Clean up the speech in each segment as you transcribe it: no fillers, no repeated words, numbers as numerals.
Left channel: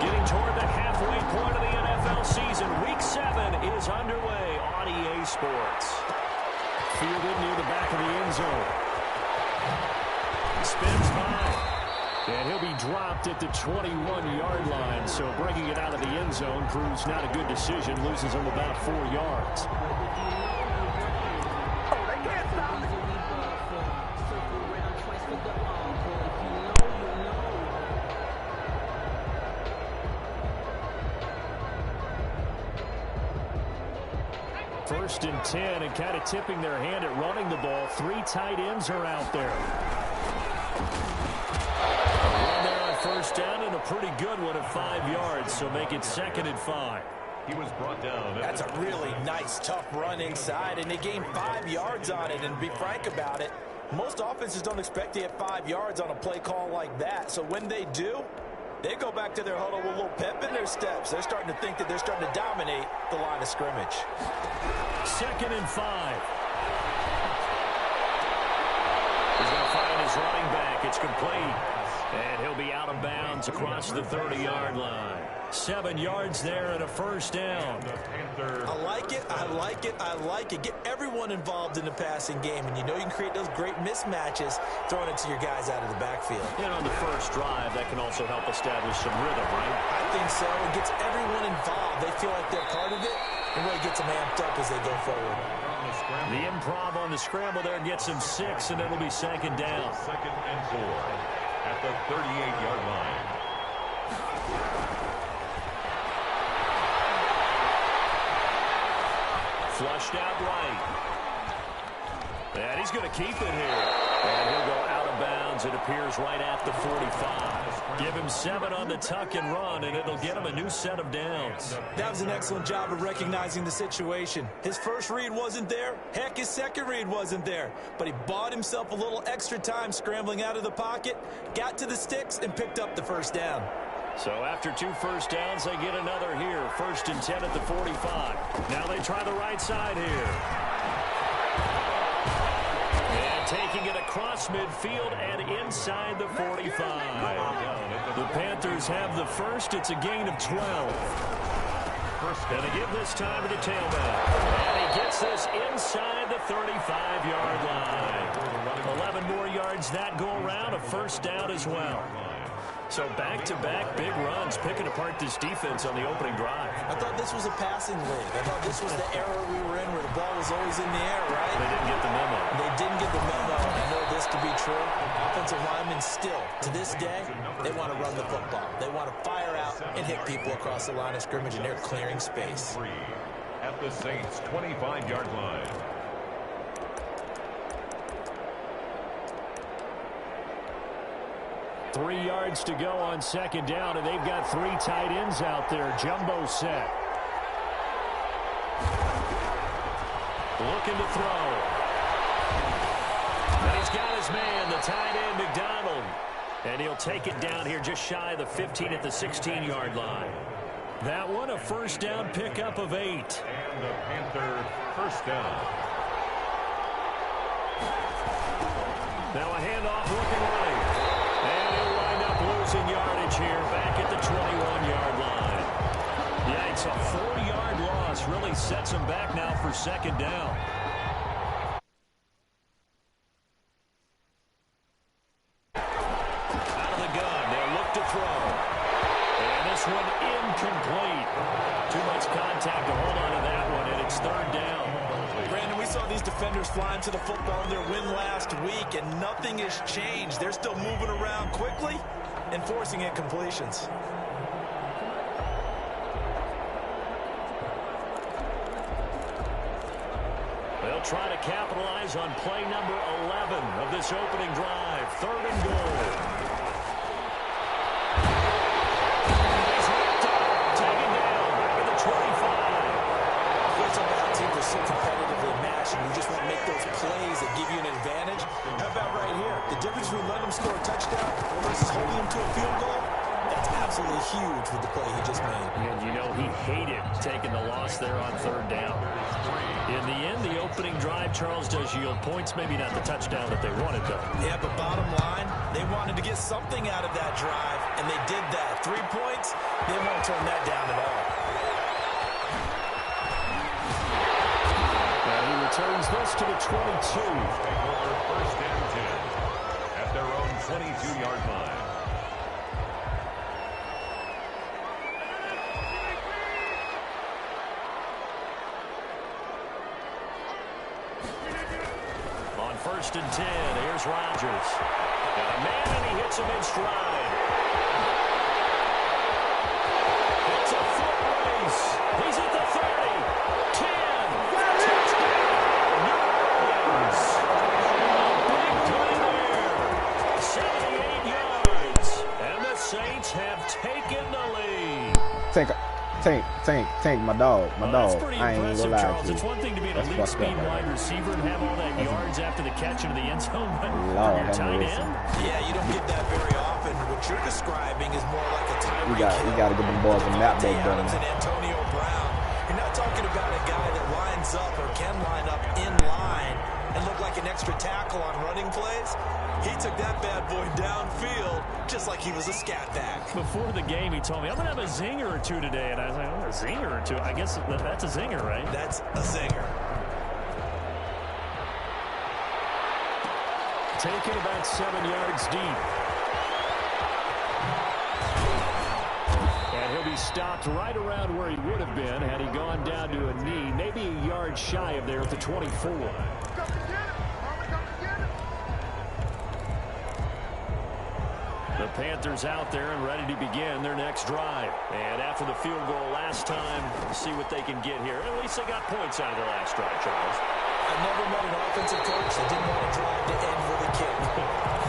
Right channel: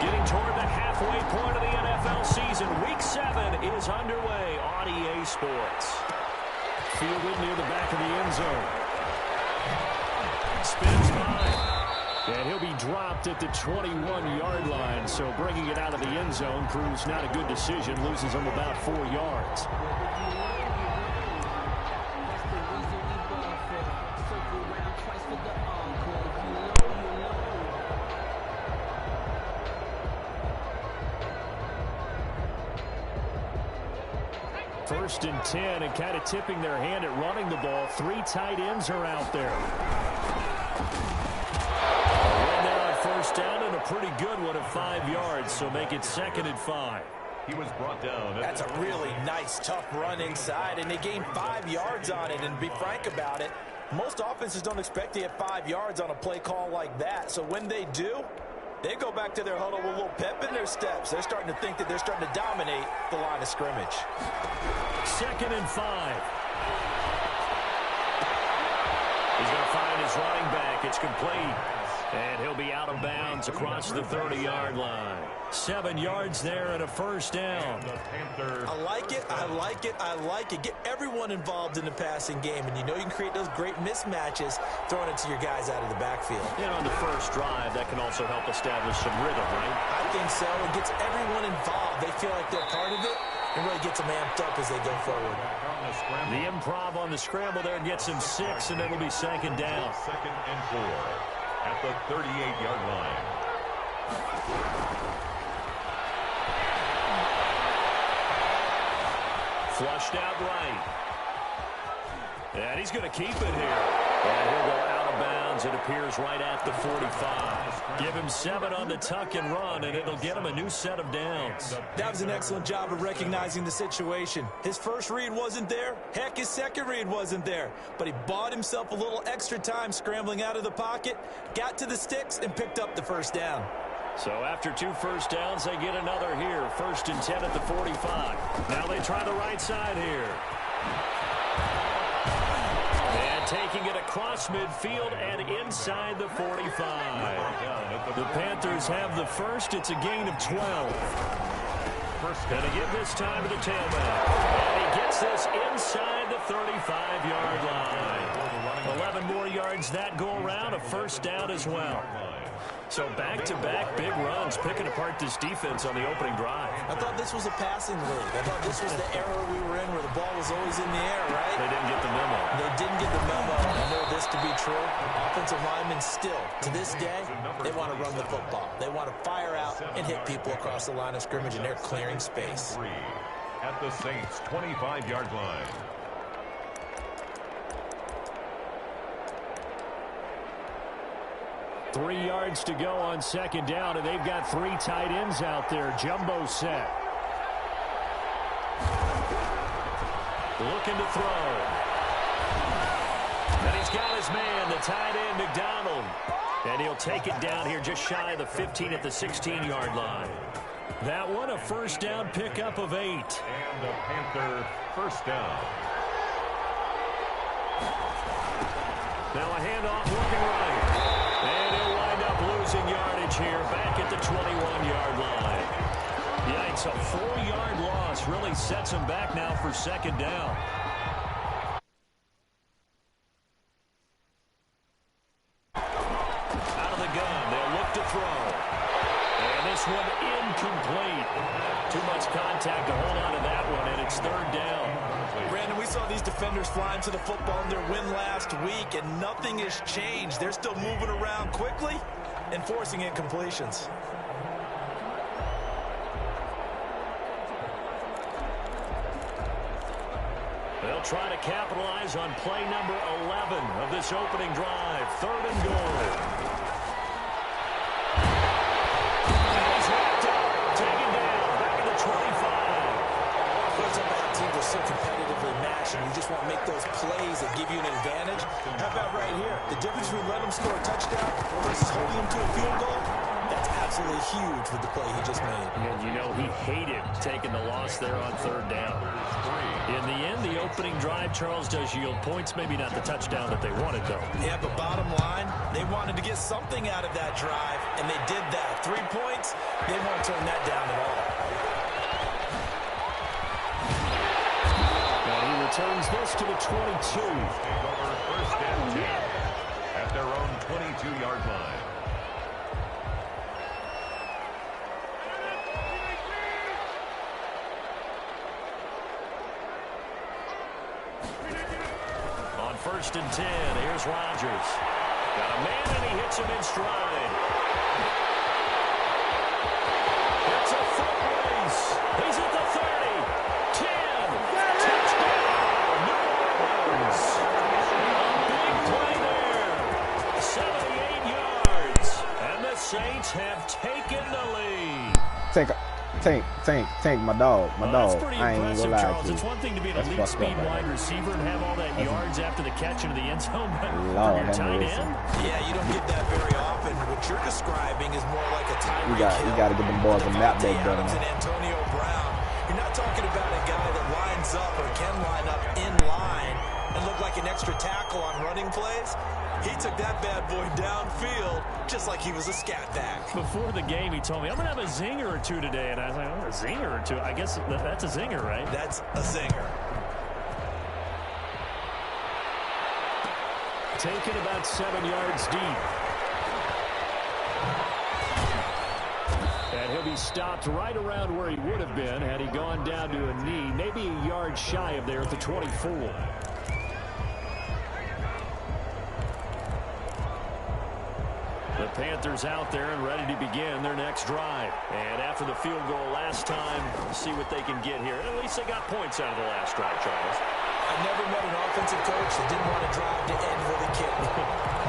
Getting toward the halfway point of the NFL season. Week 7 is underway on EA Sports. Fielded near the back of the end zone. Spins high. And he'll be dropped at the 21-yard line. So bringing it out of the end zone proves not a good decision. Loses him about 4 yards. First and 10, and kind of tipping their hand at running the ball. 3 tight ends are out there. A run there on first down, and a pretty good one at 5 yards, so make it 2nd and 5. He was brought down. That's a really nice, tough run inside, and they gained 5 yards on it. And to be frank about it, most offenses don't expect to get 5 yards on a play call like that. So when they do, they go back to their huddle with a little pep in their steps. They're starting to think that they're starting to dominate the line of scrimmage. 2nd and 5. He's going to find his running back. It's complete. And he'll be out of bounds across the 30-yard line. 7 yards there and a first down. I like it. I like it. I like it. Get everyone involved in the passing game. And you know you can create those great mismatches throwing it to your guys out of the backfield. And on the first drive, that can also help establish some rhythm, right? I think so. It gets everyone involved. They feel like they're part of it and really gets them amped up as they go forward. The improv on the scramble there gets him 6, and it'll be 2nd down. 2nd and 4 at the 38-yard line. Flushed out right. And he's going to keep it here. And he'll go out of bounds. It appears right at the 45. Give him 7 on the tuck and run, and it'll get him a new set of downs. That was an excellent job of recognizing the situation. His first read wasn't there. Heck, his second read wasn't there. But he bought himself a little extra time scrambling out of the pocket, got to the sticks, and picked up the first down. So after 2 first downs, they get another here. 1st and 10 at the 45. Now they try the right side here. And taking it across midfield and inside the 45. The Panthers have the first. It's a gain of 12. Going to give this time to the tailback. And he gets this inside the 35-yard line. 11 more yards that go around. A first down as well. So back-to-back big runs, picking apart this defense on the opening drive. I thought this was a passing league. I thought this was the era we were in where the ball was always in the air, right? They didn't get the memo. They didn't get the memo. I know this to be true. Offensive linemen still, to this day, they want to run the football. They want to fire out and hit people across the line of scrimmage, and they're clearing space. At the Saints' 25-yard line. Three yards to go on 2nd down, and they've got 3 tight ends out there. Jumbo set. Looking to throw. And he's got his man, the tight end, McDonald. And he'll take it down here just shy of the 15 at the 16-yard line. That one, a first down pickup of 8. And the Panther first down. Now a handoff looking right. And he'll wind up losing yardage here back at the 21-yard line. Yikes, a 4-yard loss really sets him back now for 2nd down. Out of the gun, they'll look to throw. And this one incomplete. Too much contact to hold on to that one, and it's 3rd down. Brandon, we saw these defenders flying to the football in their win last week, and nothing has changed. They're still moving around quickly and forcing incompletions. They'll try to capitalize on play number 11 of this opening drive. 3rd and goal. And he's wrapped up, taken down, back at the 25. Some bad teams are so competitively matched, and you just want to make those plays that give you an advantage. How about right here? The difference between letting them score a touchdown versus holding them to a field goal, that's absolutely huge with the play he just made. And you know he hated taking the loss there on third down. In the end, the opening drive, Charles, does yield points. Maybe not the touchdown that they wanted, though. Yeah, but bottom line, they wanted to get something out of that drive, and they did that. 3 points, they won't turn that down at all. And he returns this to the 22. Take over 1st and 10 at their own 22-yard line. On 1st and 10, here's Rodgers. Got a man, and he hits him in stride. It's a foot race. He's at the 30, 10, touchdown, New Orleans. A big play there, 78 yards, and the Saints have taken the lead. Tank, my dog. That's pretty I ain't impressive, gonna lie Charles. to you. It's one thing to be an That's elite fucked speed up, right? wide receiver and have all that yards after the catch into the end zone, but Lord, for your tight mercy. end, Yeah, you don't get that very often. What you're describing is more like a Tyreek You got to get them boys a map Devontae back done. Adams and Antonio Brown. You're not talking about a guy that lines up or can line up in line and look like an extra tackle on running plays. He took that bad boy downfield just like he was a scat back. before the game, he told me, I'm going to have a zinger or two today. And I was like, oh, a zinger or two? I guess that's a zinger, right? That's a zinger. Taken about 7 yards deep. And he'll be stopped right around where he would have been had he gone down to a knee, maybe a yard shy of there at the 24. The Panthers out there and ready to begin their next drive. And after the field goal last time, we'll see what they can get here. At least they got points out of the last drive, Charles. I've never met an offensive coach that didn't want to drive to end with a kick.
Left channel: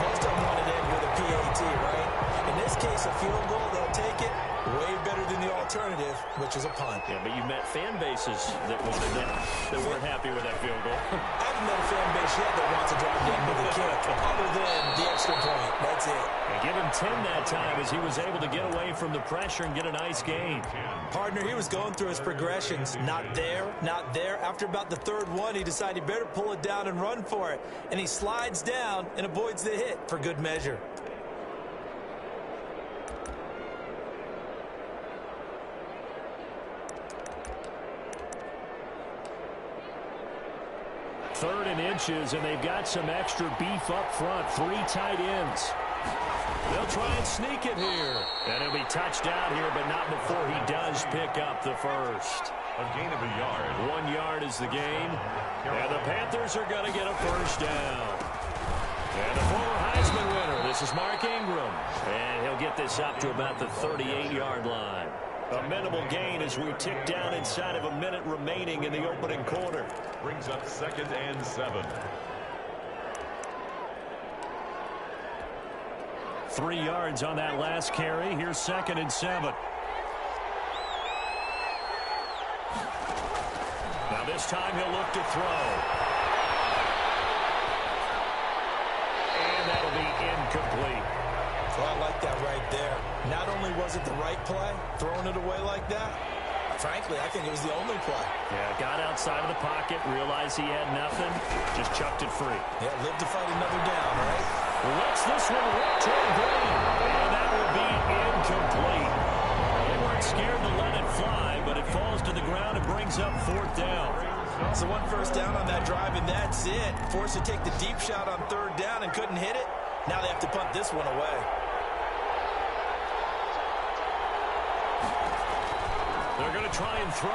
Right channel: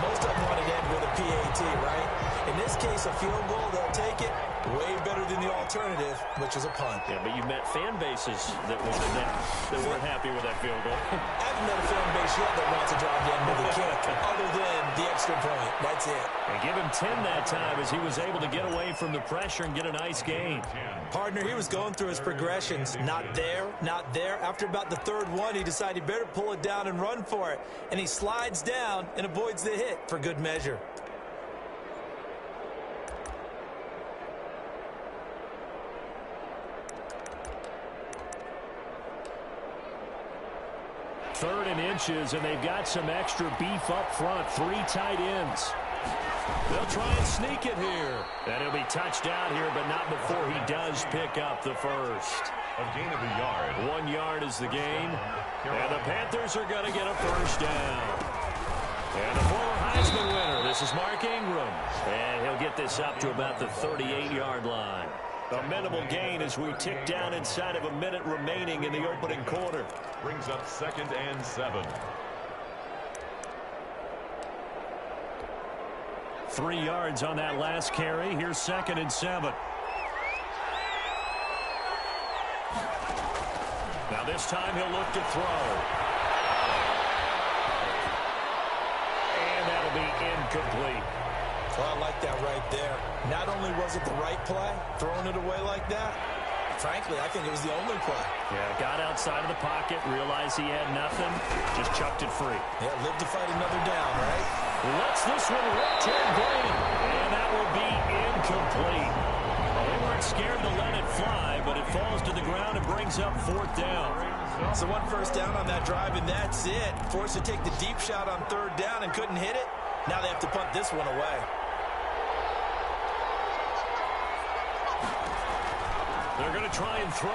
Most of them wanted to end with a PAT, right? In this case, a field goal, they'll take it. Way better than the alternative, which is a punt. Yeah, but you met fan bases that wanted that, that weren't happy with that field goal. I haven't met a fan base yet that wants to drive to end with a kick, other than the extra point. That's it. And give him 10 that time as he was able to get away from the pressure and get a nice gain. Partner, he was going through his progressions. Not there, not there. After about the third one, he decided he better pull it down and run for it. And he slides down and avoids the hit for good measure. Third and inches, and they've got some extra beef up front. 3 tight ends. They'll try and sneak it here. And he'll be touched out here, but not before he does pick up the first. A gain of a yard. 1 yard is the gain. And the Panthers are going to get a first down. And the former Heisman winner, this is Mark Ingram. And he'll get this up to about the 38-yard line. A minimal gain as we tick down inside of a minute remaining in the opening quarter. Brings up 2nd and 7. 3 yards on that last carry. Here's 2nd and 7. Now this time he'll look to throw. And that'll be incomplete. Well, I like that right there. Not only was it the right play, throwing it away like that, frankly, I think it was the only play. Yeah, got outside of the pocket, realized he had nothing, just chucked it free. Yeah, live to fight another down, right? Lets this one rip toward Green, and that will be incomplete. Well, they weren't scared to let it fly, but it falls to the ground and brings up 4th down. So 1 first down on that drive, and that's it. Forced to take the deep shot on 3rd down and couldn't hit it. Now they have to punt this one away. They're going to try and throw.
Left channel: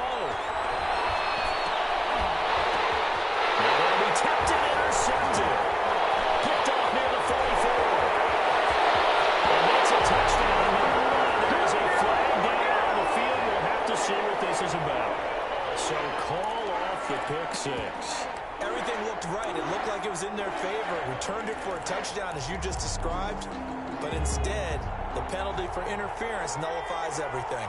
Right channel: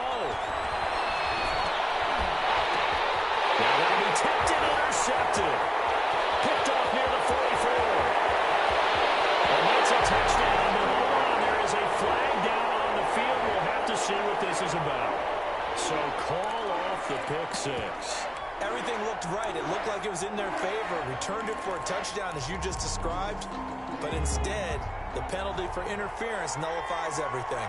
Now that'll be tipped and intercepted. Picked off near the 44. And that's a touchdown. But hold on, there is a flag down on the field. We'll have to see what this is about. So call off the pick 6. Everything looked right. It looked like it was in their favor. Returned it for a touchdown, as you just described. But instead, the penalty for interference nullifies everything.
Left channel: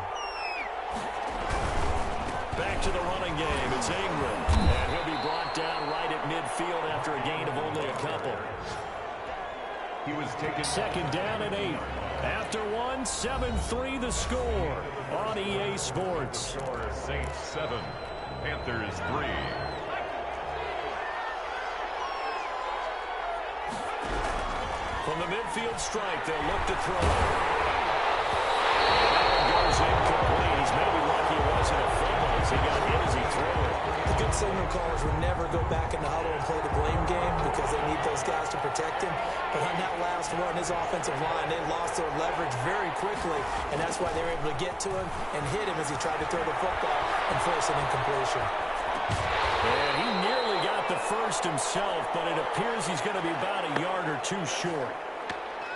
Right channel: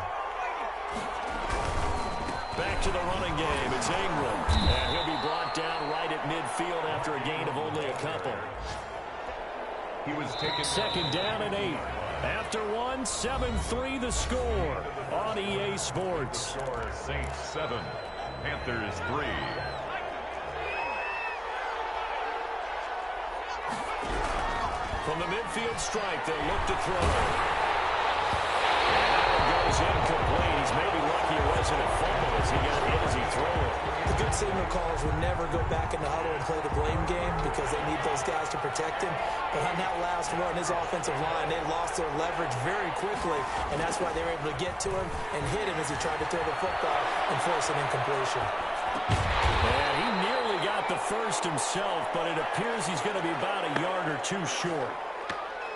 Back to the running game. It's Ingram. And he'll be brought down right at midfield after a gain of only a couple. He was taken. Second down and 8. After one, 7-3 the score on EA Sports. The score, Saints 7, Panthers 3. From the midfield strike, they'll look to throw. And that one goes incomplete. He's maybe lucky it wasn't a fumble as he got hit as he threw it. The good signal callers would never go back in the huddle and play the blame game because they need those guys to protect him. But on that last run, his offensive line, they lost their leverage very quickly, and that's why they were able to get to him and hit him as he tried to throw the football and force an incompletion. And he nearly got the first himself, but it appears he's going to be about a yard or two short.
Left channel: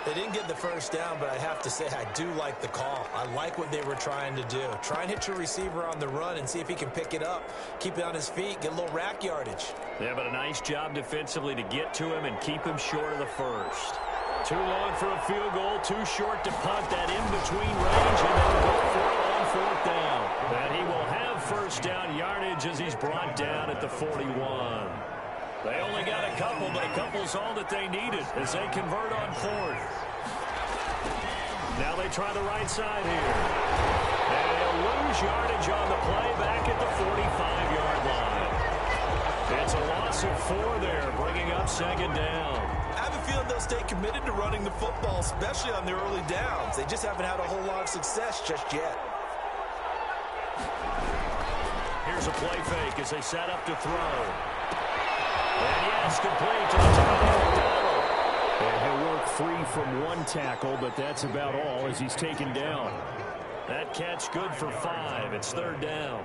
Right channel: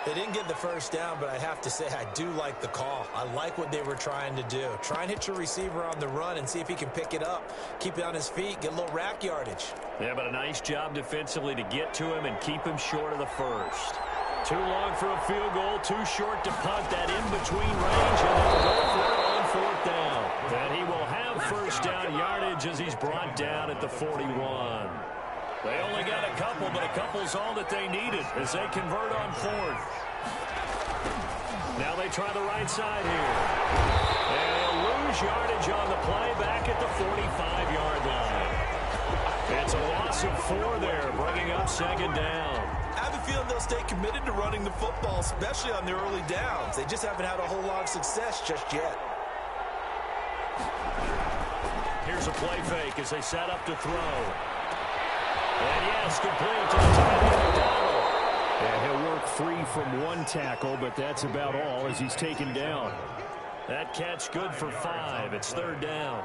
They didn't get the first down, but I have to say I do like the call. I like what they were trying to do. Try and hit your receiver on the run and see if he can pick it up. Keep it on his feet, get a little rack yardage. Yeah, but a nice job defensively to get to him and keep him short of the first. Too long for a field goal, too short to punt that in-between range, and they'll go for it on fourth down. And he will have first down yardage as he's brought down at the 41. They only got a couple, but a couple's all that they needed as they convert on fourth. Now they try the right side here. And they'll lose yardage on the play back at the 45-yard line. It's a loss of 4 there, bringing up second down. I have a feeling they'll stay committed to running the football, especially on their early downs. They just haven't had a whole lot of success just yet. Here's a play fake as they set up to throw. And yes, complete to the tight end, McDonald. And he'll work free from one tackle, but that's about all as he's taken down. That catch good for 5. It's third down.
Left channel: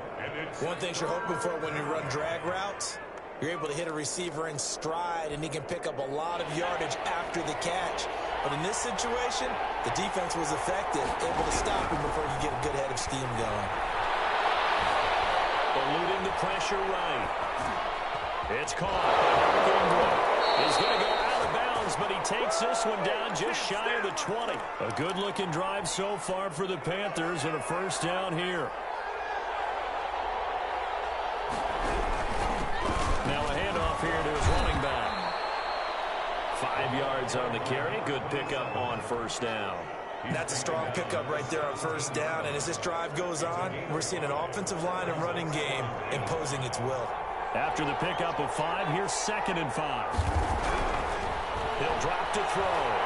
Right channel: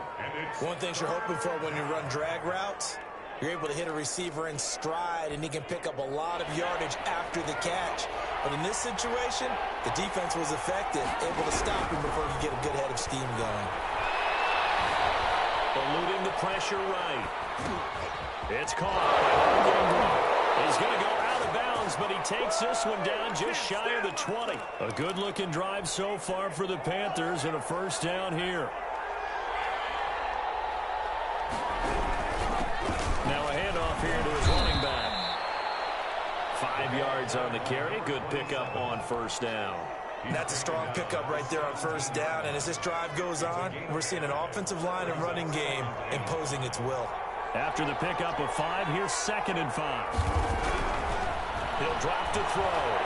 One thing you're hoping for when you run drag routes, you're able to hit a receiver in stride, and he can pick up a lot of yardage after the catch. But in this situation, the defense was effective, able to stop him before he could get a good head of steam going. Eluding the pressure right. It's caught by Mark Ingram. He's going to go out of bounds, but he takes this one down just shy of the 20. A good-looking drive so far for the Panthers and a first down here. Now a handoff here to his running back. 5 yards on the carry. Good pickup on first down. That's a strong pickup right there on first down. And as this drive goes on, we're seeing an offensive line and running game imposing its will. After the pickup of 5, here's second and 5. He'll drop to throw.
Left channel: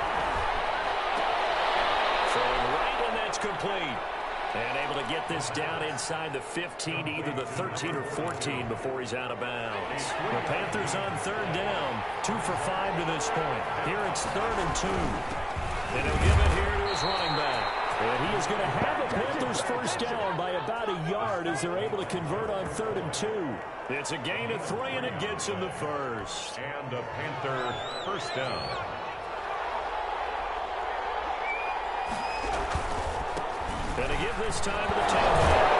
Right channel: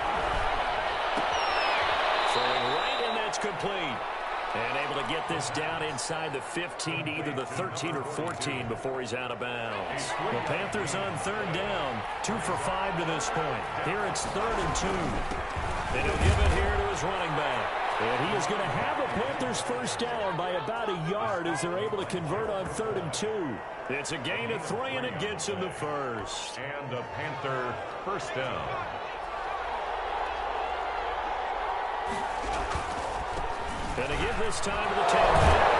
Throwing right, and that's complete. And able to get this down inside the 15, either the 13 or 14 before he's out of bounds. The Panthers on third down, 2 for 5 to this point. Here it's 3rd and 2. And he'll give it here to his running back. And he is going to have a Panthers first down by about a yard as they're able to convert on 3rd and 2. It's a gain of 3, and it gets him the first. And a Panther first down. And to give this time to the tailback.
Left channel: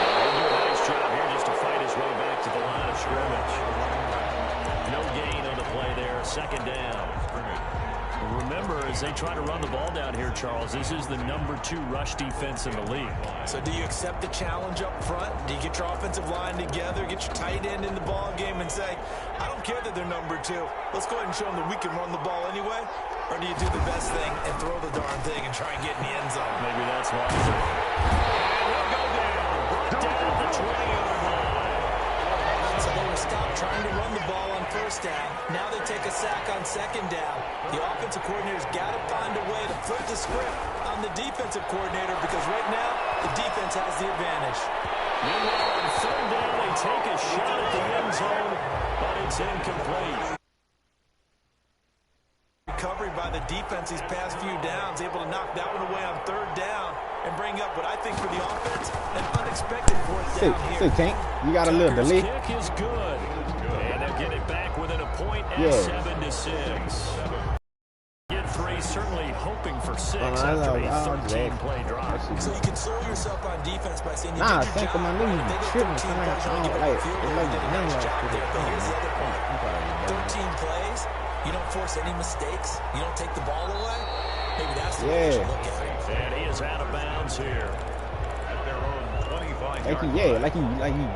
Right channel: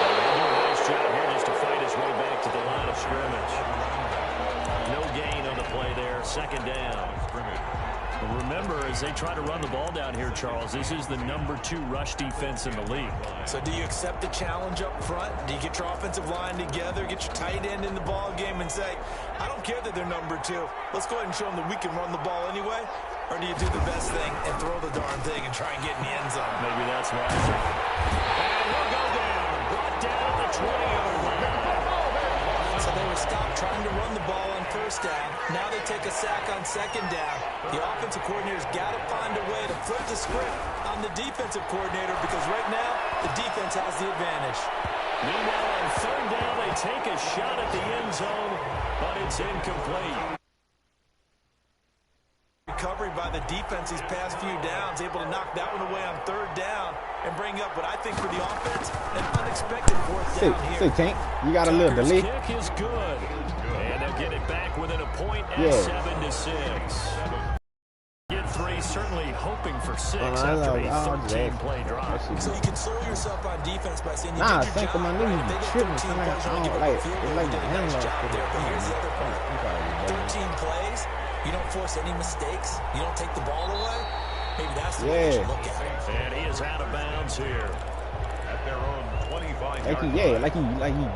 And he'll do a nice job here just to fight his way back to the line of scrimmage. No gain on the play there. Second down. Remember, as they try to run the ball down here, Charles, this is the number 2 rush defense in the league. So do you accept the challenge up front? Do you get your offensive line together, get your tight end in the ball game and say, I don't care that they're number 2. Let's go ahead and show them that we can run the ball anyway? Or do you do the best thing and throw the darn thing and try and get in the end zone? Maybe that's why. And he'll go down. Brought down at the 20-yard line. So they were stopped trying to run the ball on first down. Now they take a sack on second down. The offensive coordinator's got to find a way to flip the script on the defensive coordinator because right now the defense has the advantage. Meanwhile, on third down, they take a shot at the end zone, but it's incomplete. Recovery by the defense these past few downs, able to knock that one away on third down and bring up what I think for the offense, an unexpected fourth down here. See, Tank, you got a little delay. Kick is good, and they'll get it back within a point at 7-6. Get 3, certainly hoping for 6 after a 13-play drive. So you console yourself on defense by saying you Nah, did your think of job. my knee. If they get Tripping. 13 plays, you only give up a field goal. You did a nice job there, but here's the other part. 13 plays. You don't force any mistakes. You don't take the ball away. Maybe that's the way you should look at it. And he is out of bounds here. At their own 25-yard line. Like he,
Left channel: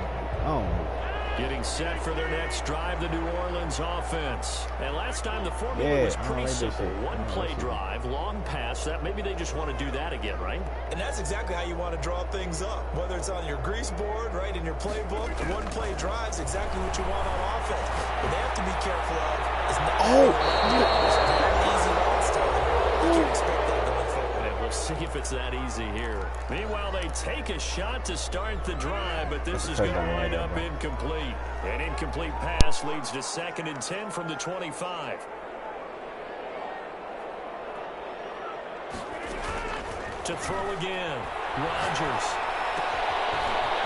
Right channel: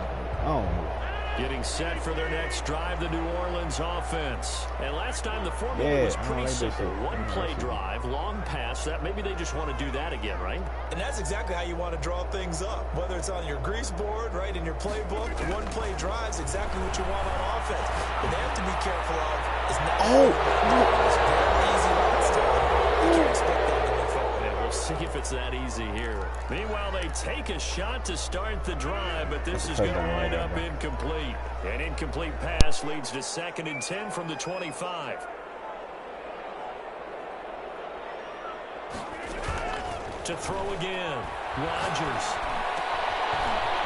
Getting set for their next drive, the New Orleans offense. And last time the formula was pretty simple. One-play drive, long pass. That maybe they just want to do that again, right? And that's exactly how you want to draw things up. Whether it's on your grease board, right, in your playbook, one-play drives exactly what you want on offense. What they have to be careful of is not it's very easy last time. You can't expect that going forward. And we'll see if it's that easy here. Meanwhile, they take a shot to start the drive, but this is going to wind up incomplete. An incomplete pass leads to 2nd and 10 from the 25. To throw again, Rodgers.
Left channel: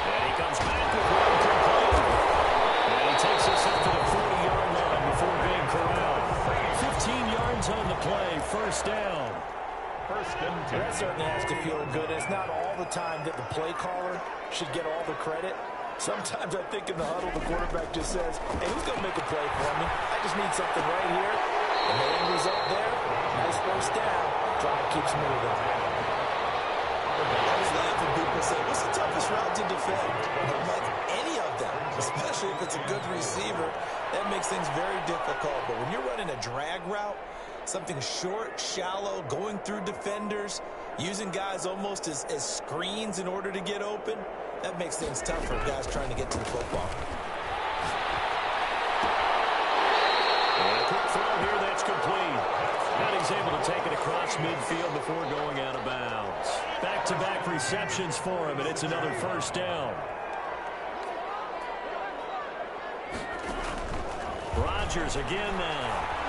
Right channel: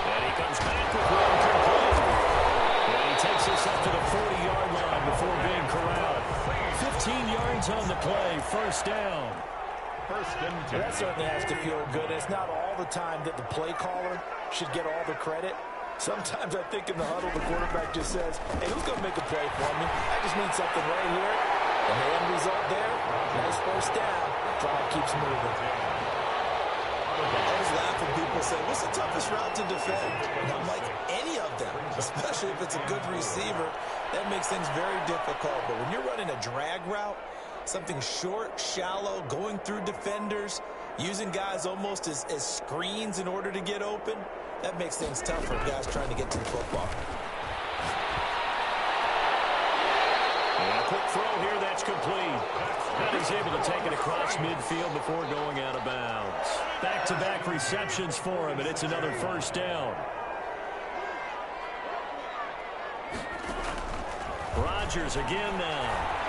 And he comes back with one complete. And he takes us up to the 40-yard line before being corralled. 15 yards on the play, first down. First and 10. That certainly has to feel good. It's not all the time that the play caller should get all the credit. Sometimes I think in the huddle, the quarterback just says, hey, who's going to make a play for me? I just need something right here. And the end result there, nice first down. Drive keeps moving. I always laugh when people say, what's the toughest route to defend? And I'm like, any of them, especially if it's a good receiver. That makes things very difficult. But when you're running a drag route, something short, shallow, going through defenders, using guys almost as screens in order to get open, that makes things tough for guys trying to get to the football. And a quick throw here that's complete. And he's able to take it across midfield before going out of bounds. Back-to-back receptions for him, and it's another first down. Rodgers again now.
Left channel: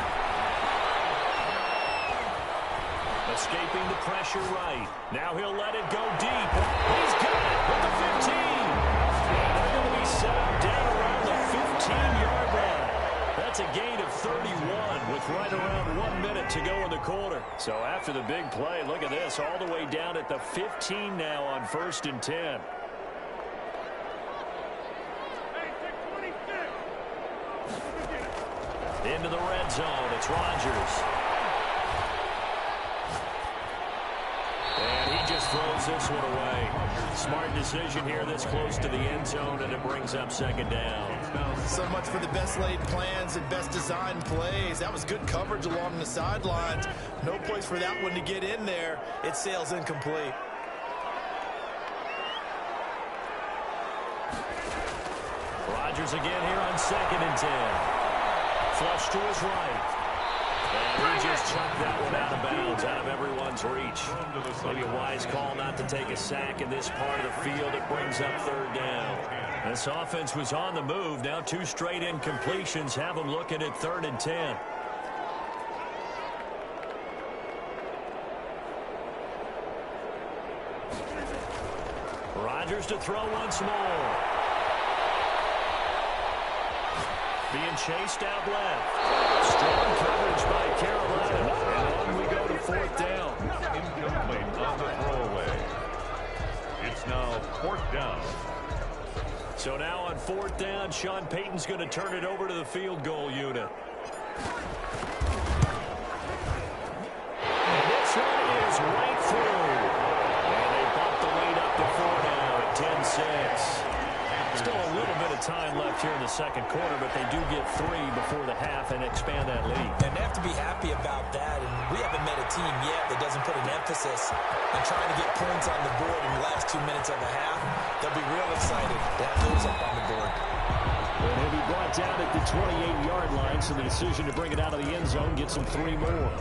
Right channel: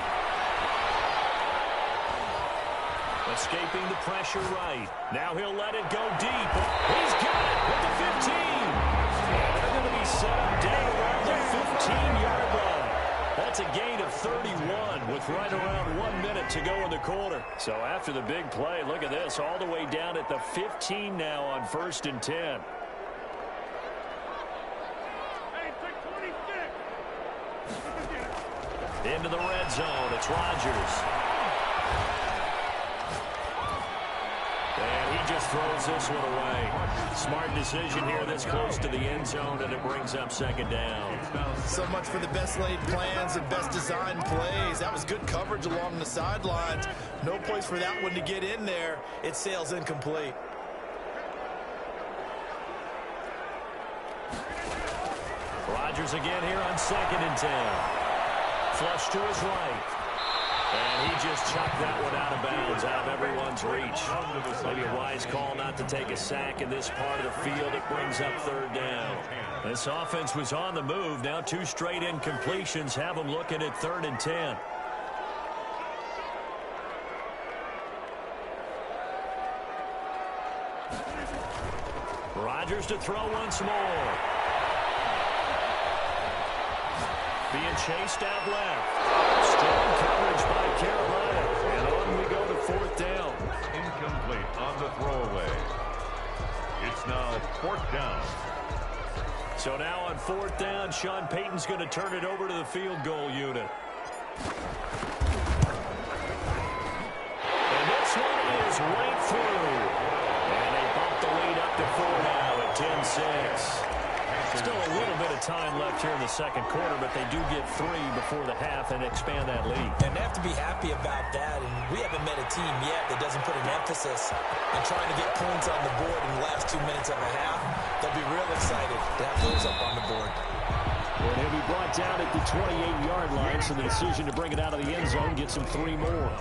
Escaping the pressure right. Now he'll let it go deep. He's got it with the 15. And they're going to be set up down around the 15-yard line. That's a gain of 31 with right around 1 minute to go in the quarter. So after the big play, look at this, all the way down at the 15 now on 1st and 10. Into the red zone, it's Rodgers. And he just throws this one away. Smart decision here this close to the end zone, and it brings up 2nd down. So much for the best laid plans and best designed plays. That was good coverage along the sidelines. No place for that one to get in there. It sails incomplete. Rodgers again here on 2nd and 10. Flush to his right. And he just chucked that one out of bounds, out of everyone's reach. Maybe a wise call not to take a sack in this part of the field. It brings up 3rd down. This offense was on the move. Now 2 straight incompletions have them looking at 3rd and 10. Rodgers to throw once more. Being chased out left. Strong coverage by Carolina. And on we go to 4th down. Incomplete on the throwaway. It's now 4th down. So now on 4th down, Sean Payton's going to turn it over to the field goal unit. And this one is right through. And they bump the lead up to 4 now at 10-6. Still a little bit of time left here in the 2nd quarter, but they do get 3 before the half and expand that lead. And they have to be happy about that. And we haven't met a team yet that doesn't put an emphasis on trying to get points on the board in the last 2 minutes of a half. They'll be real excited to have those up on the board. And he'll be brought down at the 28-yard line, so the decision to bring it out of the end zone gets him 3 more.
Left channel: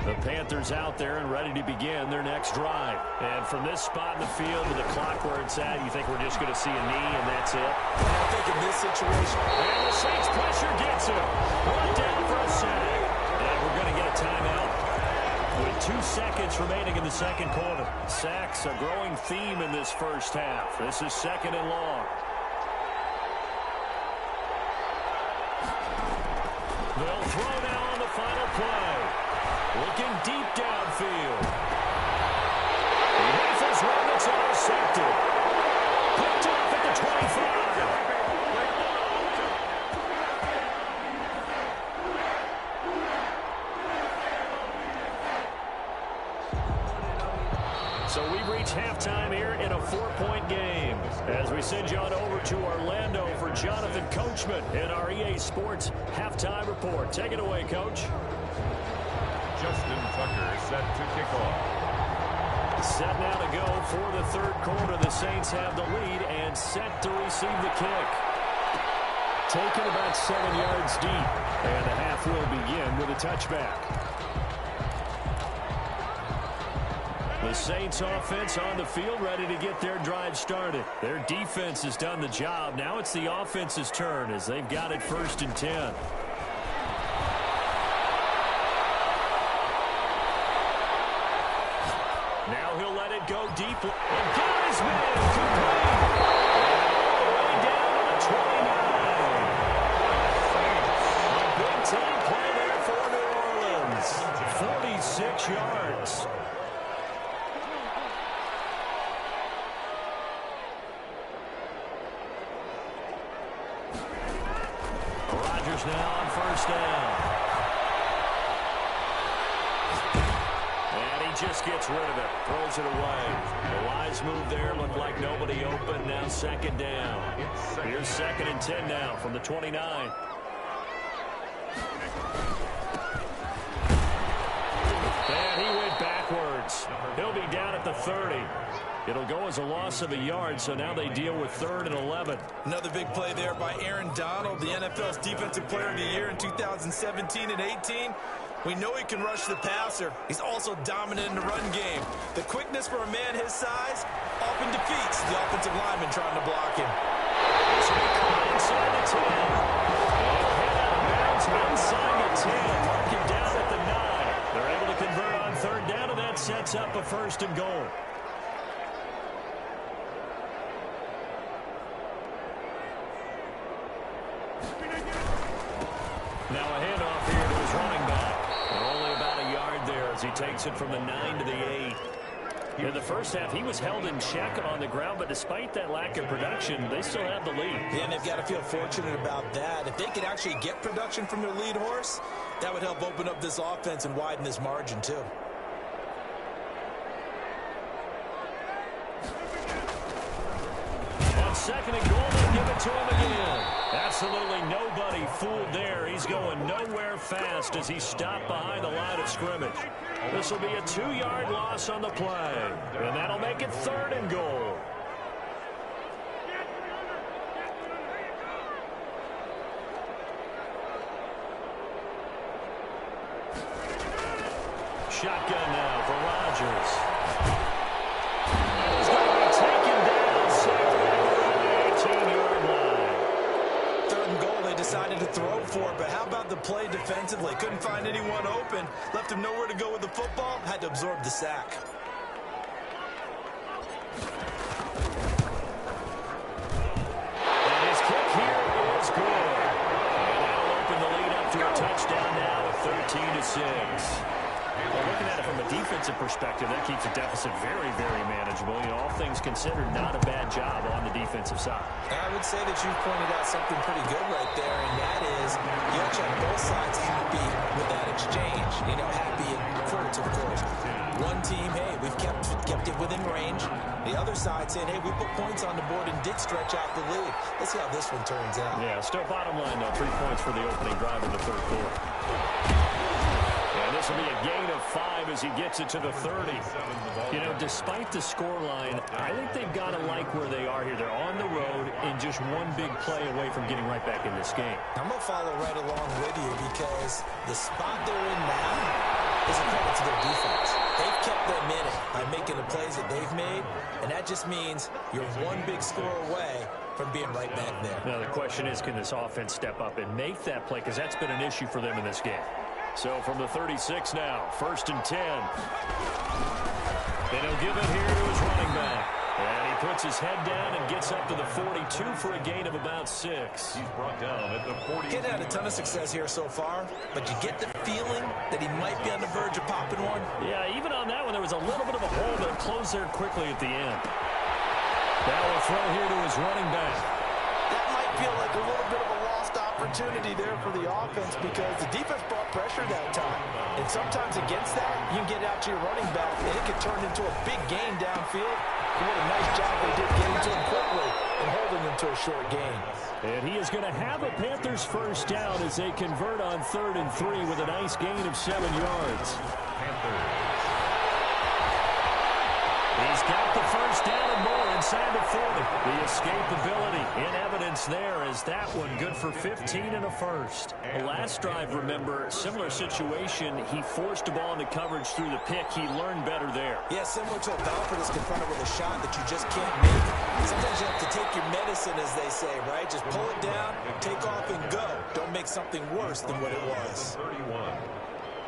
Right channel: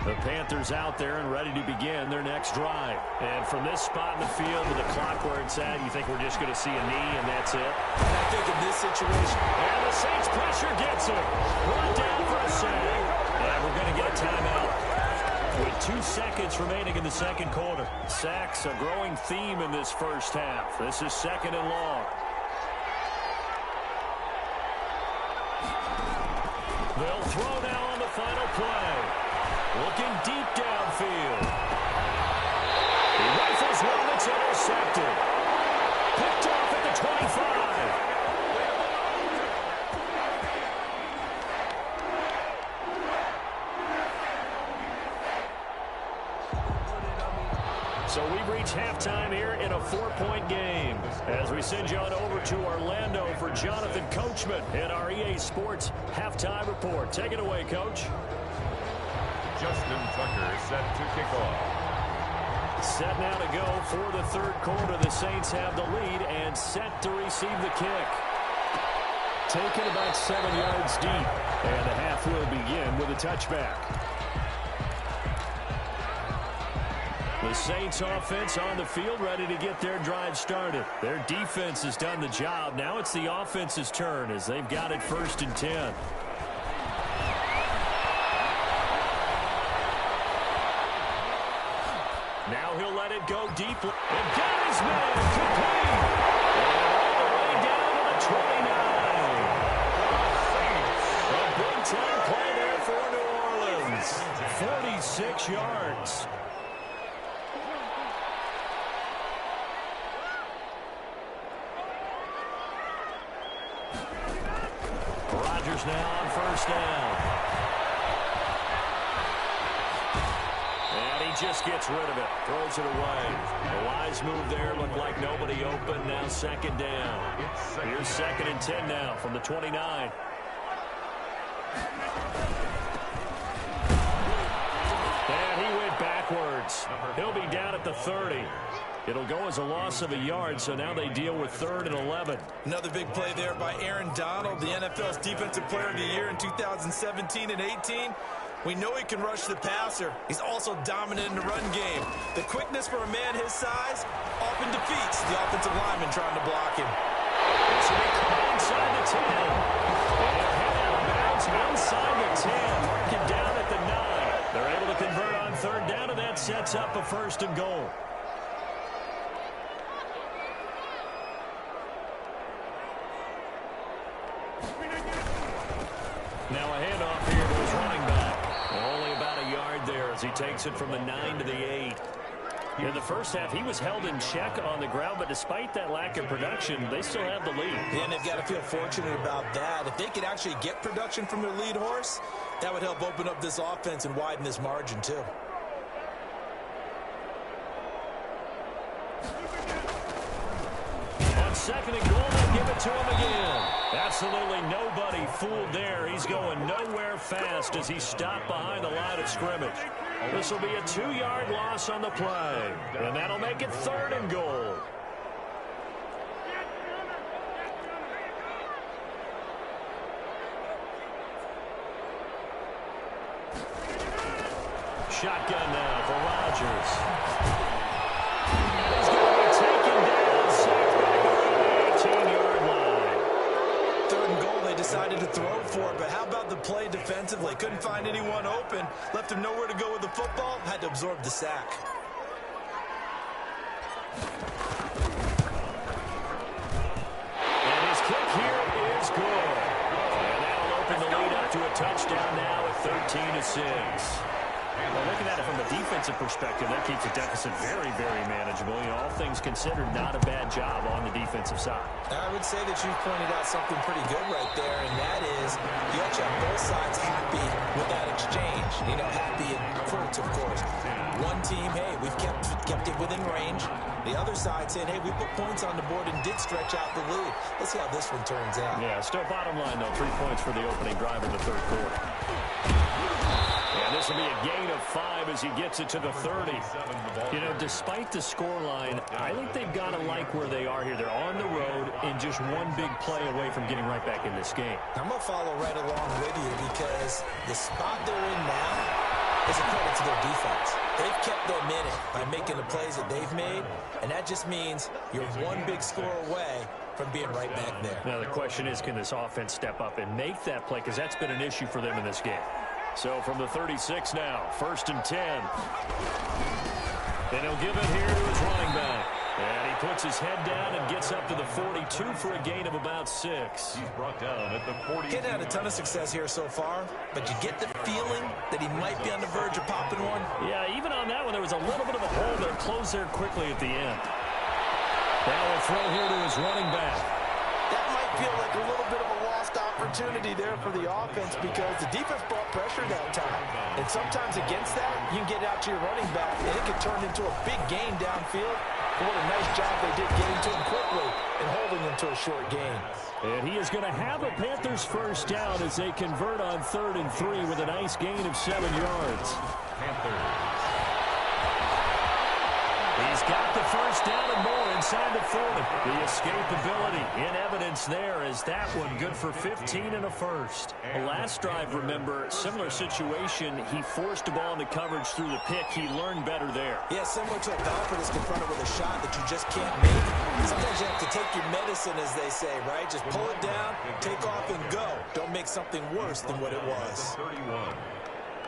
The Panthers out there and ready to begin their next drive. And from this spot in the field to the clock where it's at, you think we're just going to see a knee and that's it? And I think in this situation... And the Saints pressure gets him. Brought down for a sack. And we're going to get a timeout. With 2 seconds remaining in the 2nd quarter. Sacks, a growing theme in this first half. This is 2nd and long. They'll throw now on the final play. Looking deep downfield. He rifles one that's intercepted. Picked off at the 25. So we've reached halftime here in a 4-point game as we send you on over to Orlando for Jonathan Coachman in our EA Sports Halftime Report. Take it away, Coach. Justin Tucker set to kick off. Set now to go for the third quarter. The Saints have the lead and set to receive the kick. Taken about 7 yards deep, and the half will begin with a touchback. The Saints offense on the field ready to get their drive started. Their defense has done the job. Now it's the offense's turn as they've got it 1st and 10. Now he'll let it go deeply. And got his man complete. And all the way down to the 29. A big-time play there for New Orleans. 46 yards. Rodgers now on 1st down. And he just gets rid of it. Throws it away. The wise move there. Looked like nobody open. Now 2nd down. Here's 2nd and 10 now from the 29. And he went backwards. He'll be down at the 30. It'll go as a loss of a yard, so now they deal with 3rd and 11. Another big play there by Aaron Donald, the NFL's Defensive Player of the Year in 2017 and 18. We know he can rush the passer. He's also dominant in the run game. The quickness for a man his size often defeats the offensive lineman trying to block him. This will be caught inside the 10. And he'll head out of bounds inside the 10. Mark him down at the 9. They're able to convert on 3rd down, and that sets up a 1st and goal. Now a handoff here to his running back. And only about a yard there as he takes it from the 9 to the 8. In the first half, he was held in check on the ground, but despite that lack of production, they still have the lead. Yeah, and they've got to feel fortunate about that. If they could actually get production from their lead horse, that would help open up this offense and widen this margin, too. On 2nd and goal, they give it to him again. Absolutely nobody fooled there. He's going nowhere fast as he's stopped behind the line of scrimmage. This will be a 2-yard loss on the play. And that'll make it 3rd and goal. Shotgun now for Rodgers. And he's going to be taken down, sacked back around the 18-yard line. 3rd and goal they decided to throw for, but how about the play defensively? Couldn't find anyone open, left him nowhere to go with the football, had to absorb the sack. And his kick here is good. And that'll open the lead up to a touchdown now at 13-6. Well, looking at it from a defensive perspective, that keeps the deficit very, very manageable. You know, all things considered, not a bad job on the defensive side. I would say that you've pointed out something pretty good right there, and that is you actually have both sides happy with that exchange. You know, happy in quotes, of course. One team, hey, we've kept it within range. The other side saying, hey, we put points on the board and did stretch out the lead. Let's see how this one turns out. Yeah, still bottom line, though, 3 points for the opening drive in the 3rd quarter. And this will be a gain of 5 as he gets it to the 30. You know, despite the scoreline, I think they've got to like where they are here. They're on the road and just one big play away from getting right back in this game. I'm going to follow right along with you because the spot they're in now is a credit to their defense. They've kept them in it by making the plays that they've made, and that just means you're one big score away from being right back there. Now, the question is, can this offense step up and make that play? Because that's been an issue for them in this game. So from the 36 now, 1st and 10. And he'll give it here to his running back. And he puts his head down and gets up to the 42 for a gain of about 6. He's brought down at the 40. He's had a ton of success here so far, but you get the feeling that he might be on the verge of popping one. Yeah, even on that one, there was a little bit of a hole, but it closed there quickly at the end. Now we'll throw here to his running back. That might feel like a little bit of a lost opportunity opportunity there for the offense because the defense brought pressure that time. And sometimes against that, you can get out to your running back, and it can turn into a big gain downfield. What a nice job they did getting to him quickly and holding him to a short gain. And he is going to have a Panthers first down as they convert on 3rd and 3 with a nice gain of 7 yards. Panthers. He's got the first down and more inside the 40. The escapability in evidence there as that one good for 15 and a first. The last drive, remember, similar situation. He forced the ball into coverage through the pick. He learned better there. Yeah, similar to a golfer that's confronted with a shot that you just can't make. Sometimes you have to take your medicine, as they say, right? Just pull it down, take off, and go. Don't make something worse than what it was. 31.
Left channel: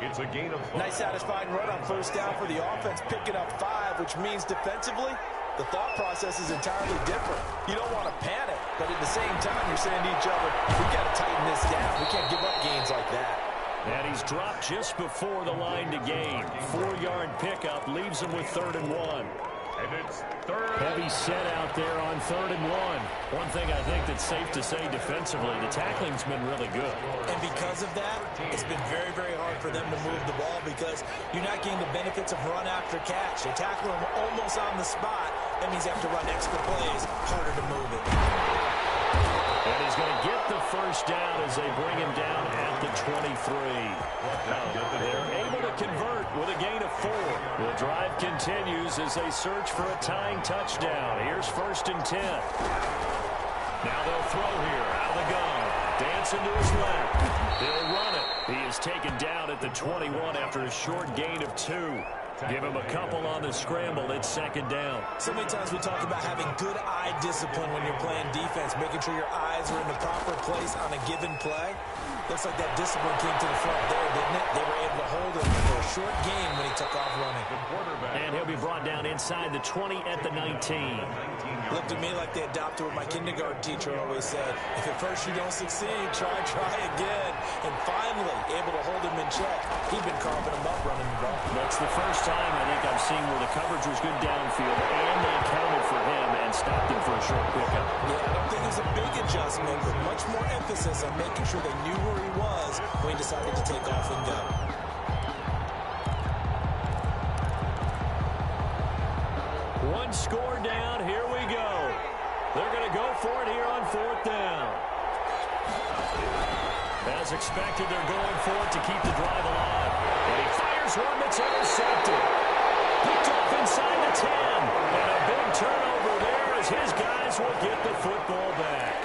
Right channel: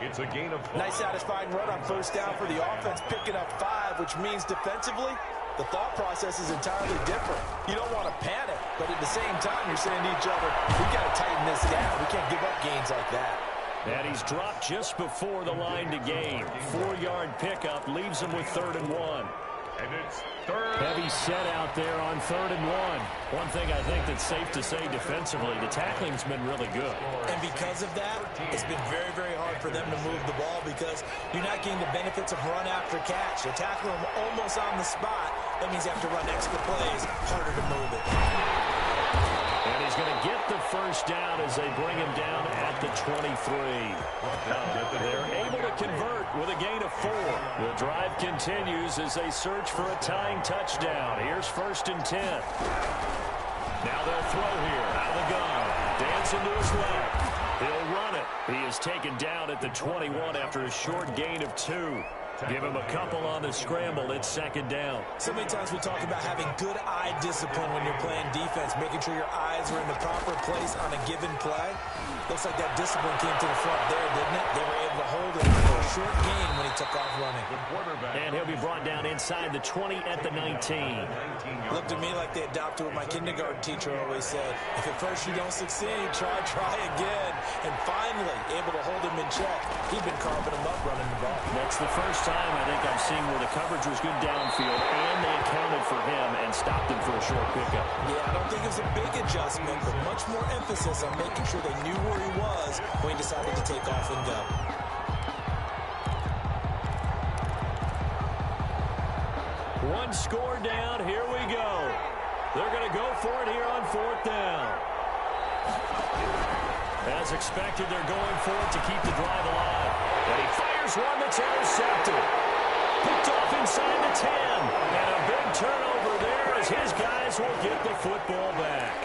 It's a gain of 5. Nice satisfying run on first down for the offense, picking up 5, which means defensively, the thought process is entirely different. You don't want to panic, but at the same time, you're saying to each other, we got to tighten this down. We can't give up gains like that. And he's dropped just before the line to gain. 4-yard pickup leaves him with 3rd and 1. And it's 3rd. Heavy set out there on 3rd and 1. One thing I think that's safe to say defensively, the tackling's been really good. And because of that, it's been very, very hard for them to move the ball because you're not getting the benefits of run after catch. You're tackling them almost on the spot. That means you have to run extra plays, harder to move it. And he's going to get the first down as they bring him down at the 23. They're able to convert with a gain of 4. The drive continues as they search for a tying touchdown. Here's 1st and 10. Now they'll throw here out of the gun. Dancing to his left. He'll run it. He is taken down at the 21 after a short gain of 2. Give him a couple on the scramble. It's 2nd down. So many times we talk about having good eye discipline when you're playing defense, making sure your eyes are in the proper place on a given play. Looks like that discipline came to the front there, didn't it? They were able to hold him for a short gain when he took off running. And he'll be brought down inside the 20 at the 19. Looked to me like they adopted what my kindergarten teacher always said. If at first you don't succeed, try again. And finally, able to hold him in check. He'd been carving him up running the ball. That's the first time I think I've seen where the coverage was good downfield and they accounted for him and stopped him for a short pickup. Yeah, I don't think it was a big adjustment, but much more emphasis on making sure they knew where he was when he decided to take off and go. One score down. Here we go. They're going to go for it here on 4th down. As expected, they're going for it to keep the drive alive. And he fires one that's intercepted. Picked off inside the 10. And a big turnover there as his guys will get the football back.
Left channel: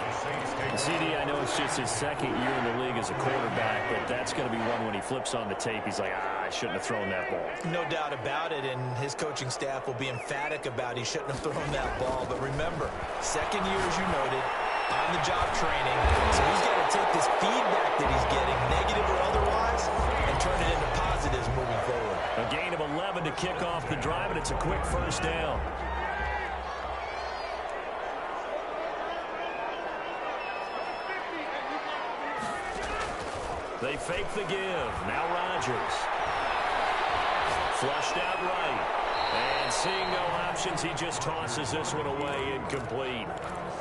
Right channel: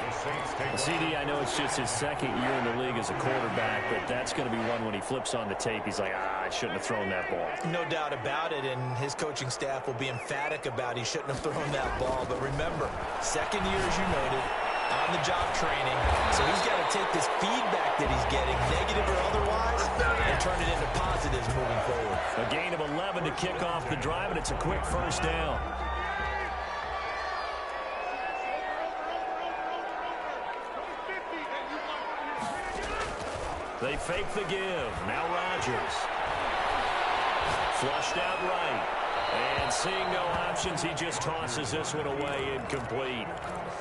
CD, I know it's just his 2nd year in the league as a quarterback, but that's going to be one when he flips on the tape. He's like, I shouldn't have thrown that ball. No doubt about it, and his coaching staff will be emphatic about he shouldn't have thrown that ball. But remember, 2nd year, as you noted, on-the-job training. So he's got to take this feedback that he's getting, negative or otherwise, and turn it into positives moving forward. A gain of 11 to kick off the drive, and it's a quick first down. They fake the give. Now Rodgers. Flushed out right. And seeing no options, he just tosses this one away, incomplete.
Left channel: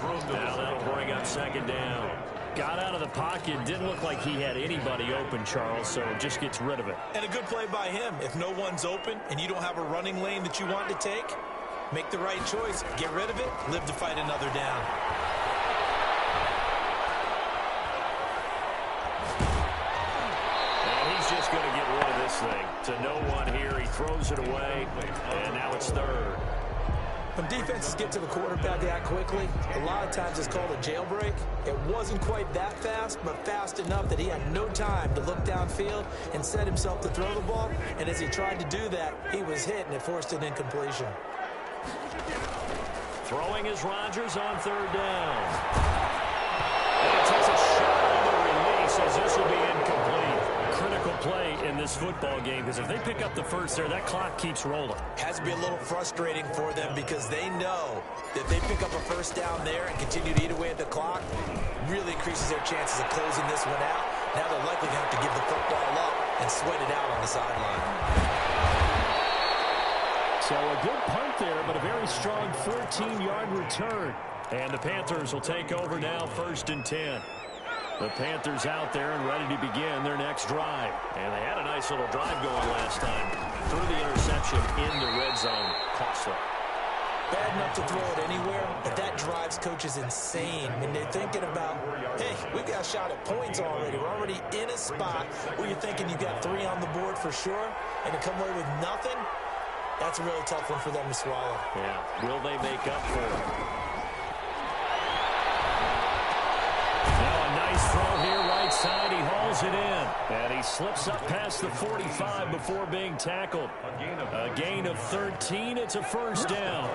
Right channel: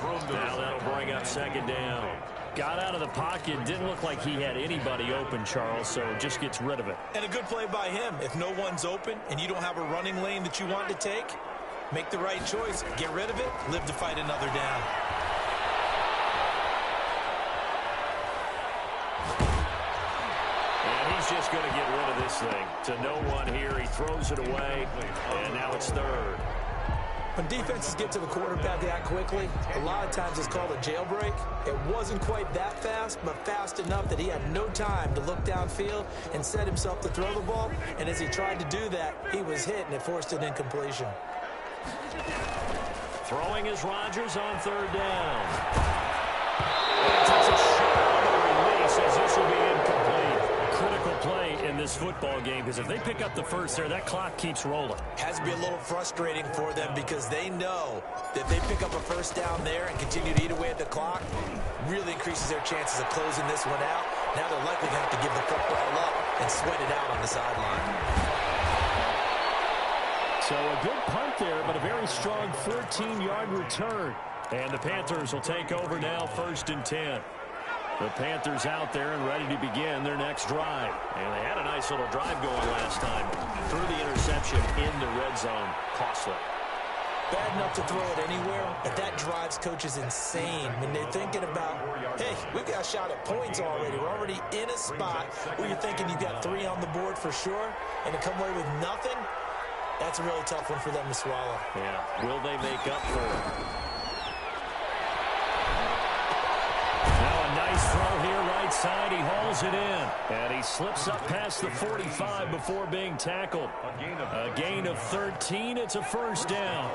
Now that'll bring up 2nd down. Got out of the pocket. Didn't look like he had anybody open, Charles, so just gets rid of it. And a good play by him. If no one's open and you don't have a running lane that you want to take, make the right choice. Get rid of it. Live to fight another down. Just going to get rid of this thing. To no one here. He throws it away, and now it's 3rd. When defenses get to the quarterback that quickly, a lot of times it's called a jailbreak. It wasn't quite that fast, but fast enough that he had no time to look downfield and set himself to throw the ball. And as he tried to do that, he was hit, and it forced an incompletion. Throwing is Rodgers on 3rd down. And he takes a shot on the release as this will be incomplete. Critical play in this football game because if they pick up the first there, that clock keeps rolling. Has to be a little frustrating for them because they know that if they pick up a first down there and continue to eat away at the clock, really increases their chances of closing this one out. Now they're likely going to have to give the football up and sweat it out on the sideline. So a good punt there, but a very strong 14-yard return. And the Panthers will take over now, 1st and 10. The Panthers out there and ready to begin their next drive. And they had a nice little drive going last time. Threw the interception in the red zone. Costly. Bad enough to throw it anywhere, but that drives coaches insane when they're thinking about, hey, we've got a shot at points already. We're already in a spot where you're thinking you've got 3 on the board for sure, and to come away with nothing, that's a really tough one for them to swallow. Yeah, will they make up for it? Now a nice throw here, right side. He hauls it in. And he slips up past the 45 before being tackled. A gain of 13. It's a first down.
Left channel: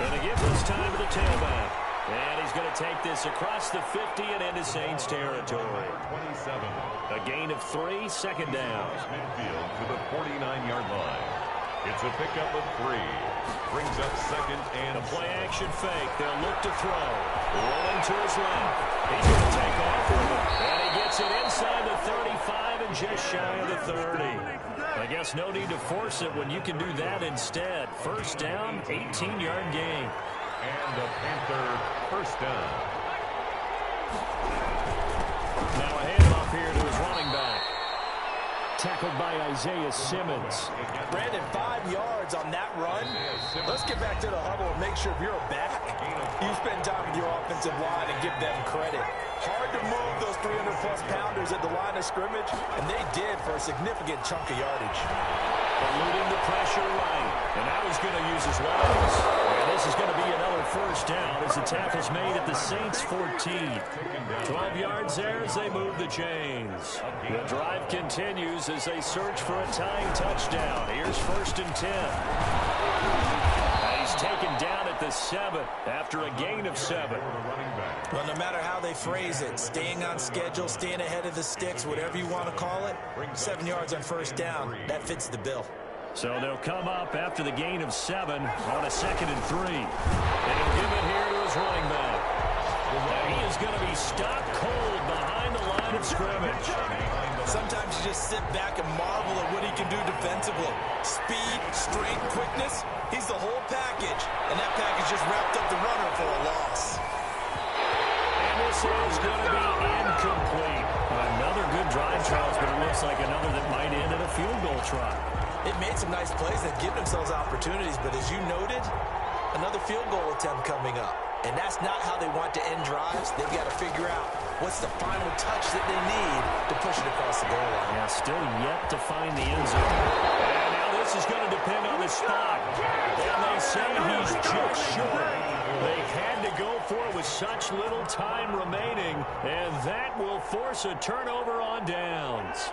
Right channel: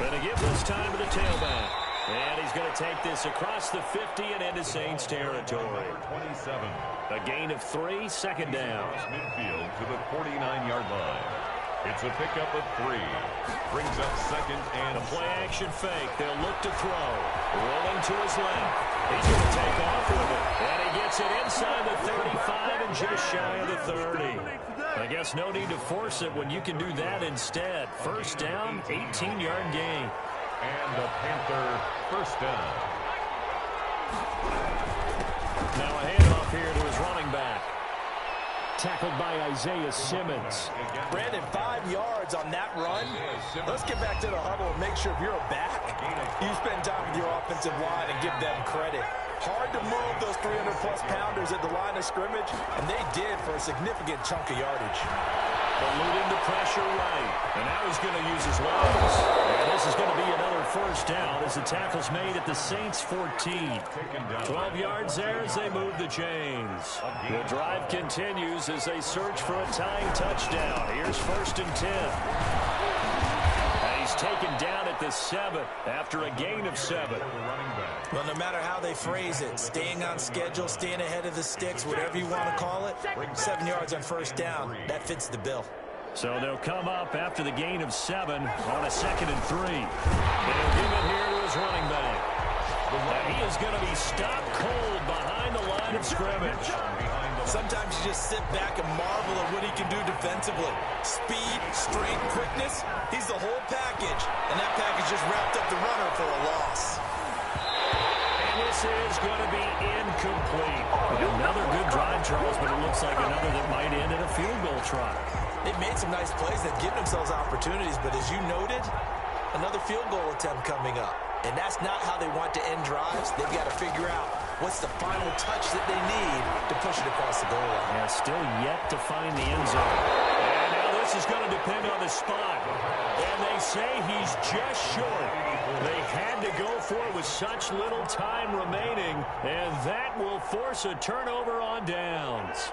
Going to give this time to the tailback. And he's going to take this across the 50 and into Saints territory. 27. A gain of 3, second down. Midfield to the 49-yard line. It's a pickup of 3. Brings up second and a play-action fake. They'll look to throw. Rolling to his left. He's going to take off with it. And he gets it inside the 35 and just shy of the 30. I guess no need to force it when you can do that instead. First down, 18-yard gain. And the Panther first down. Now a handoff here to his running back. Tackled by Isaiah Simmons. Brandon, 5 yards on that run. Let's get back to the huddle and make sure if you're a back, you spend time with your offensive line and give them credit. Hard to move those 300-plus pounders at the line of scrimmage, and they did for a significant chunk of yardage. Eluding the pressure right. And now he's going to use his legs. And this is going to be another first down as the tackle's made at the Saints 14. 12 yards there as they move the chains. The drive continues as they search for a tying touchdown. Here's first and 10. And he's taken down at the 7 after a gain of 7. Well, no matter how they phrase it, staying on schedule, staying ahead of the sticks, whatever you want to call it, 7 yards on first down, that fits the bill. So they'll come up after the gain of 7 on a 2nd and 3. And he'll give it here to his running back. And he is going to be stopped cold behind the line of scrimmage. Sometimes you just sit back and marvel at what he can do defensively. Speed, strength, quickness, he's the whole package. And that package just wrapped up the runner for a loss. This is going to be incomplete. Another good drive, Charles, but it looks like another that might end in a field goal try. They've made some nice plays. They've given themselves opportunities, but as you noted, another field goal attempt coming up. And that's not how they want to end drives. They've got to figure out what's the final touch that they need to push it across the goal line. Yeah, still yet to find the end zone. And now this is going to depend on the spot. And they say he's just short. They had to go for it with such little time remaining, and that will force a turnover on downs.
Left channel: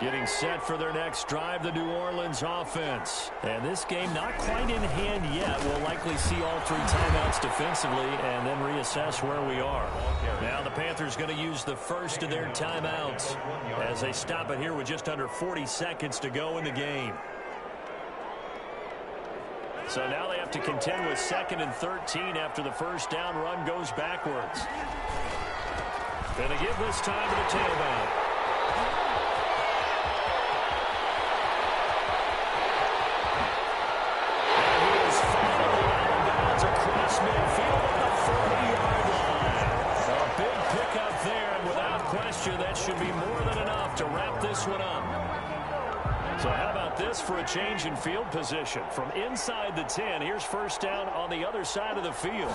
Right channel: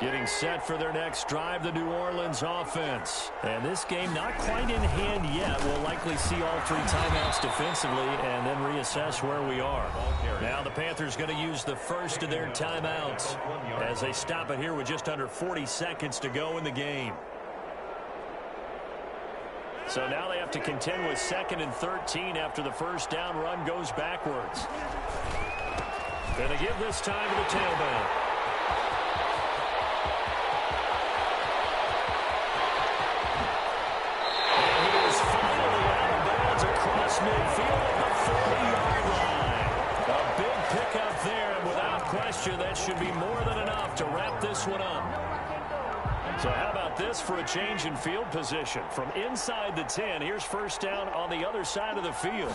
Getting set for their next drive, the New Orleans offense. And this game not quite in hand yet. We'll likely see all 3 timeouts defensively and then reassess where we are. Now the Panthers going to use the first of their timeouts as they stop it here with just under 40 seconds to go in the game. So now they have to contend with 2nd and 13 after the first down run goes backwards. Going to give this time to the tailback. And he is finally out of bounds across midfield at the 40-yard line. A big pickup there, and without question, that should be more than enough to wrap this one up. So how about this for a change in field position? From inside the 10, here's first down on the other side of the field.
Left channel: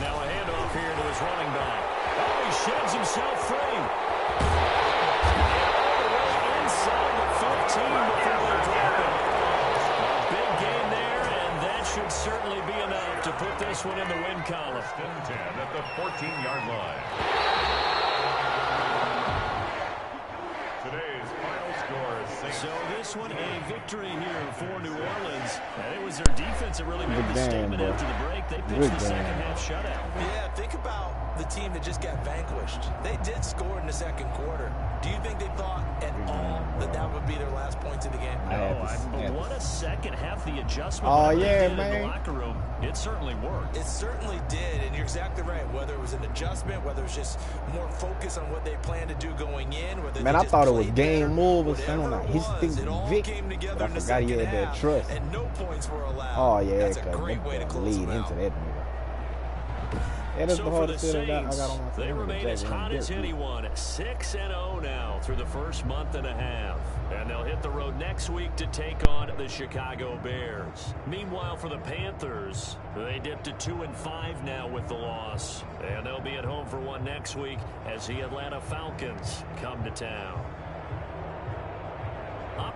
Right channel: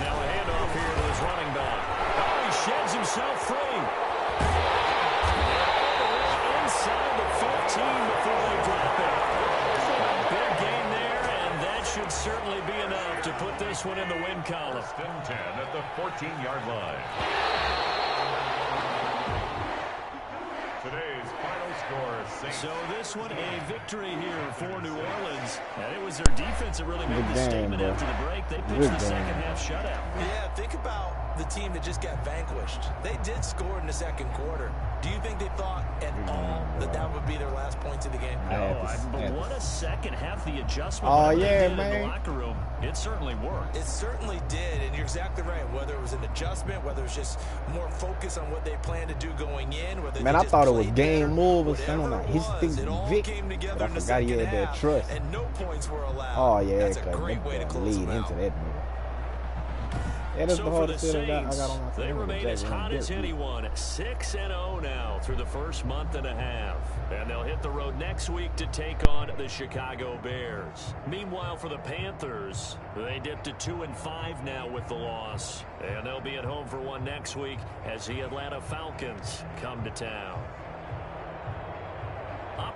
Now a handoff here to his running back. Oh, he sheds himself free. And all the way inside the 15 before they drop it. A big gain there, and that should certainly be enough to put this one in the win column. 10 at the 14-yard line. Today's final score, Saints. So this one, a victory here for New Orleans. And it was their defense that really made the statement after the break. They pitched the second half shutout. Yeah, think about the team that just got vanquished. They did score in the second quarter. Do you think they thought at all that that would be their last points of the game? But what a second half the adjustment. Oh, yeah, man. In the locker room, it certainly worked. It certainly did, and you're exactly right. Whether it was an adjustment, whether it was just more focus on what they planned to do going in, whether Man, they I just thought it was played game better, move or something like whatever it his was, it all Vic. came together But I in the forgot he second had that half, trust. and no points were allowed. Oh yeah, That's a great way to close lead them out. into that nigga. Yeah, that's So the for the hardest shit I Saints, got on my phone. they remain as hot as anyone, 6-0 now through the first month and a half. And they'll hit the road next week to take on the Chicago Bears. Meanwhile, for the Panthers, they dipped to 2-5 now with the loss. And they'll be at home for one next week as the Atlanta Falcons come to town. Up